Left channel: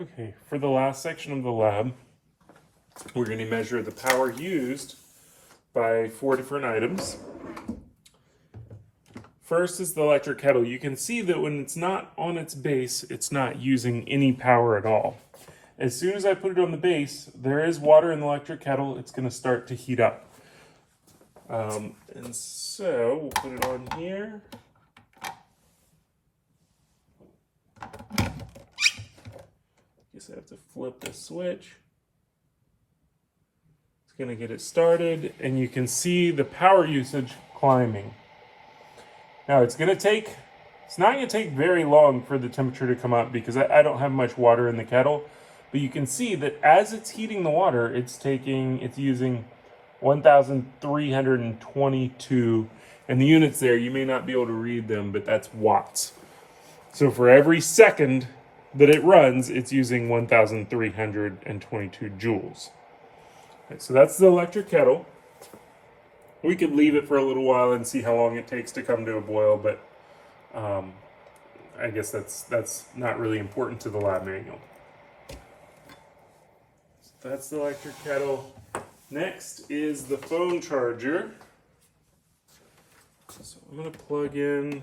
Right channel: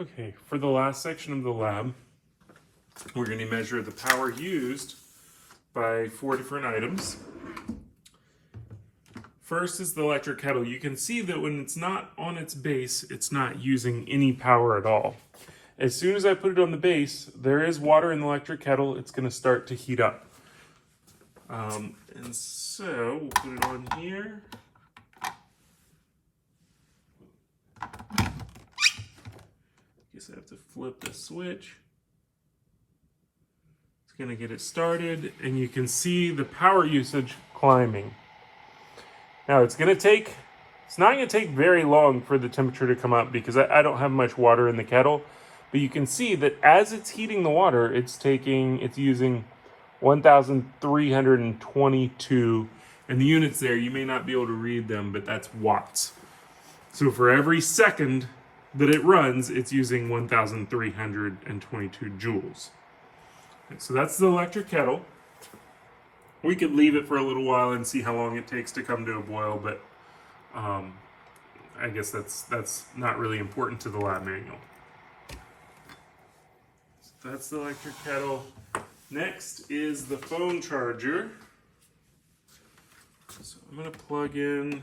Okay, for the last section of the lab, we're going to measure the power used by 4 different items. First is the electric kettle. You can see that when it's not on its base, it's not using any power at all. As soon as I put it on the base, there is water in the electric kettle. It's going to start to heat up. And so we'll put it on here. Guess I have to flip the switch. It's going to get it started, and you can see the power usage climbing. Now it's not going to take very long for the temperature to come up because I don't have much water in the kettle. But you can see that as it's heating the water, it's using 1,322. And the units there, you may not be able to read them, but that's watts. So for every second that it runs, it's using 1,322 joules. Okay, so that's the electric kettle. We could leave it for a little while and see how long it takes to come to a boil, but I guess that's not really important to the lab manual. So that's the electric kettle. Next is the phone charger. So I'm going to plug in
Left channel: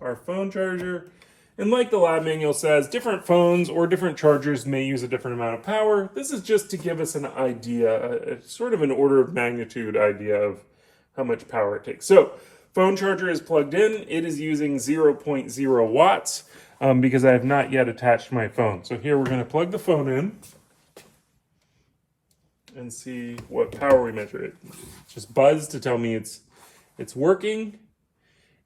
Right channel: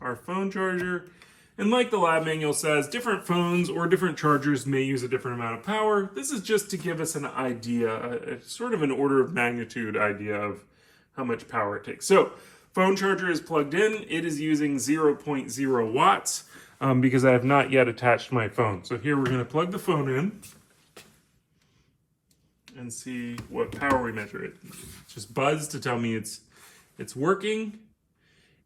our phone charger. And like the lab manual says, different phones or different chargers may use a different amount of power. This is just to give us an idea, sort of an order of magnitude idea of how much power it takes. So phone charger is plugged in. It is using 0.0 watts because I have not yet attached my phone. So here we're going to plug the phone in and see what power we measure. It just buzzed to tell me it's working,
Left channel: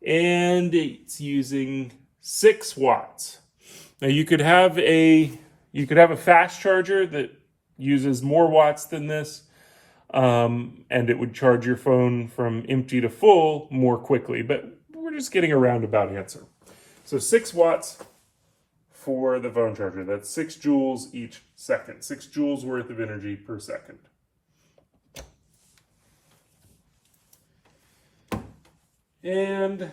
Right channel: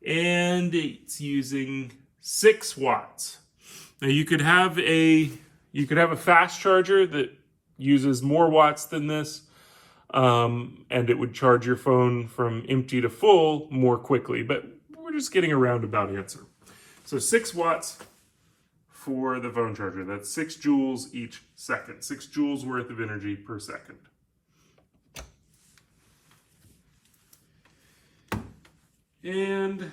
and it's using 6 watts. Now you could have a fast charger that uses more watts than this, and it would charge your phone from empty to full more quickly, but we're just getting a roundabout answer. So 6 watts for the phone charger. That's 6 joules each second. 6 joules worth of energy per second. And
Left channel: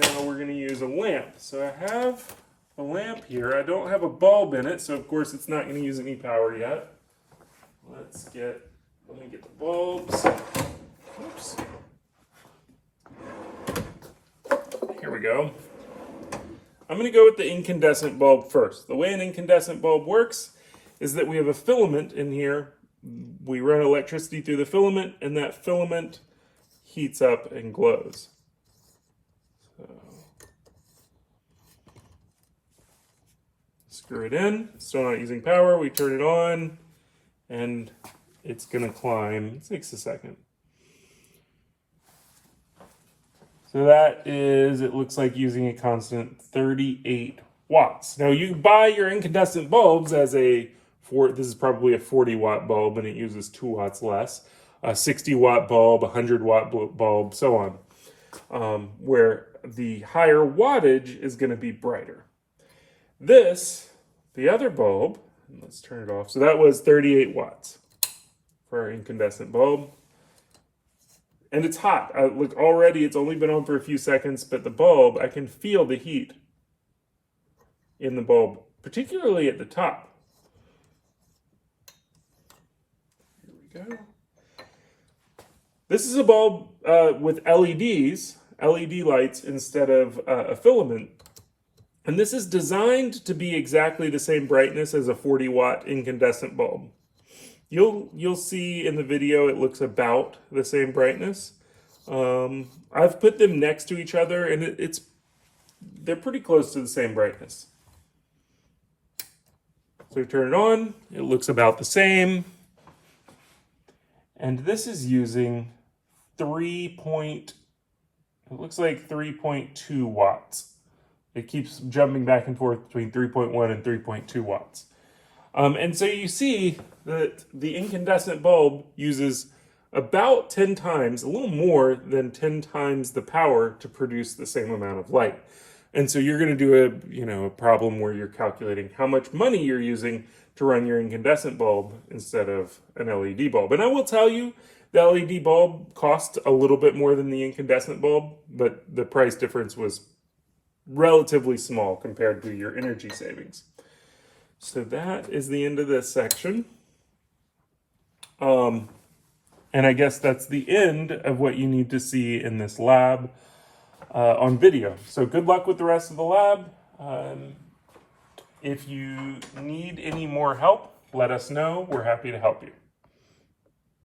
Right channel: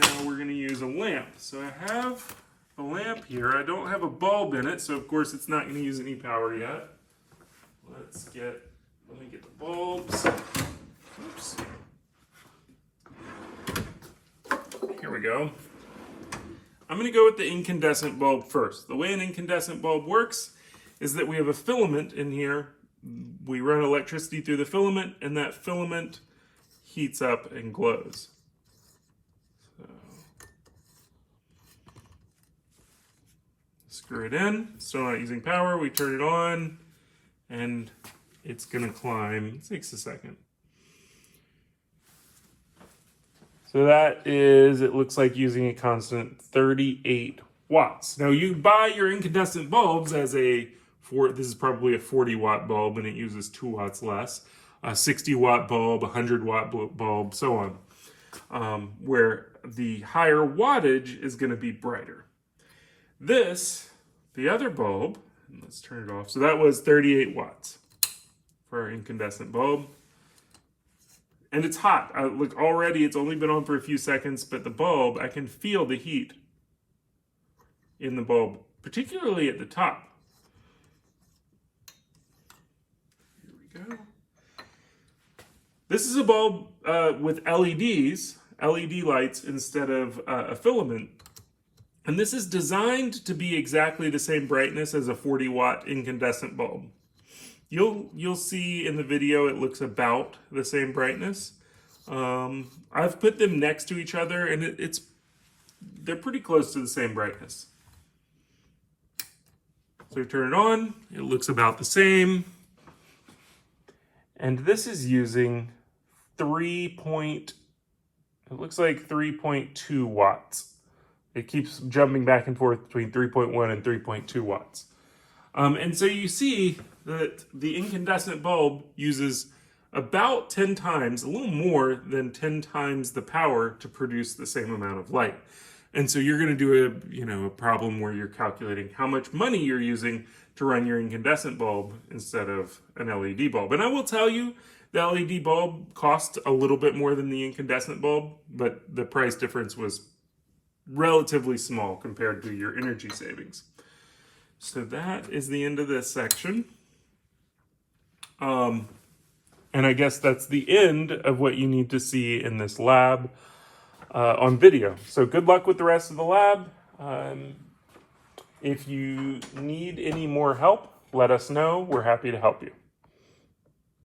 now we're going to use a lamp. So I have a lamp here. I don't have a bulb in it, so of course it's not going to use any power yet. Let me get the bulbs. Oops. Here we go. I'm going to go with the incandescent bulb first. The way an incandescent bulb works is that we have a filament in here. We run electricity through the filament, and that filament heats up and glows. So, screw it in. Still not using power. We turn it on, and it's going to climb. It takes a second. So that is, it looks like using a constant 38 watts. Now you buy your incandescent bulbs as this is probably a 40 watt bulb and it uses 2 watts less. A 60 watt bulb, a 100 watt bulb, so on. Where the higher wattage is going to be brighter. The other bulb, let's turn it off. So that was 38 watts for our incandescent bulb. And it's hot. Look, already it's only been on for a few seconds, but the bulb, I can feel the heat in the bulb, particularly at the top. Here we go. This is a bulb with LEDs, LED lights instead of a filament. And this is designed to be exactly the same brightness as a 40 watt incandescent bulb. You'll see in the video it looks about the same brightness. I've put them next to each other and they're pretty close to the same brightness. So we turn it on, it looks about the same. And this is using 3.2 watts. It keeps jumping back and forth between 3.1 and 3.2 watts. And so you see that the incandescent bulb uses about 10 times, a little more than 10 times the power to produce the same amount of light. And so you're going to do a problem where you're calculating how much money you're using to run your incandescent bulb instead of an LED bulb. And I will tell you, the LED bulb cost a little bit more than the incandescent bulb, but the price difference was relatively small compared to your energy savings. So that is the end of this section. And I guess that's the end of what you need to see in this lab on video. So good luck with the rest of the lab. If you need any more help, let us know. We're happy to help you.